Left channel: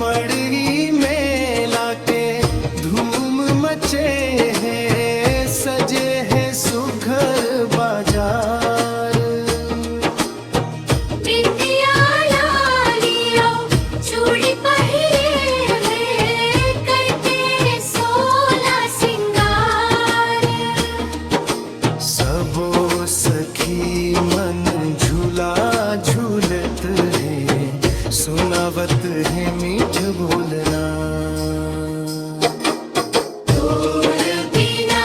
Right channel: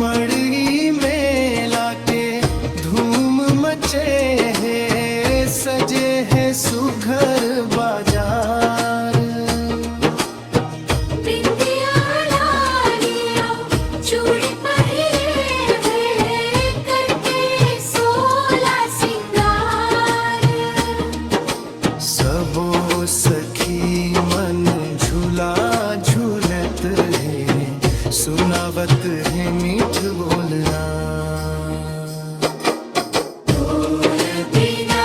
मड़ई मेला के धूम मचे हैं, सजे हैं सुघर बाजार। बिंदिया लालिया चूड़ी पहिरे वे, करके सोला सिंगार। सबो सखी मन झूला झूलत है, सुनावत है मीठ बोलना। तोर बिना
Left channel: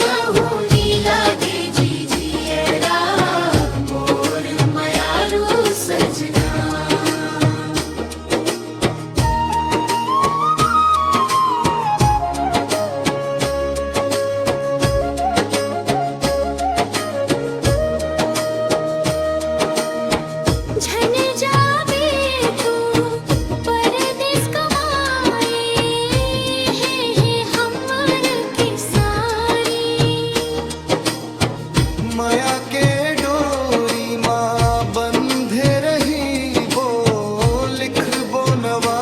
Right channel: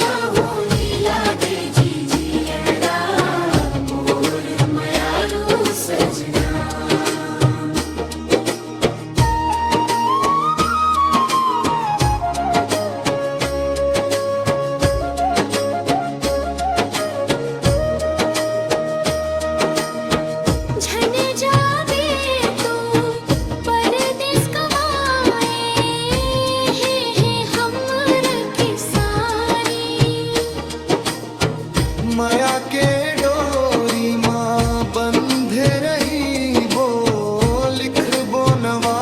कहूँ नी लागे जिजियरा, मोर मयारू सजना। झन जावे तू परदेस कमाए, हे हमर किसारी। माया के डोरी माँ बंधे रही, वो लिख बो नवा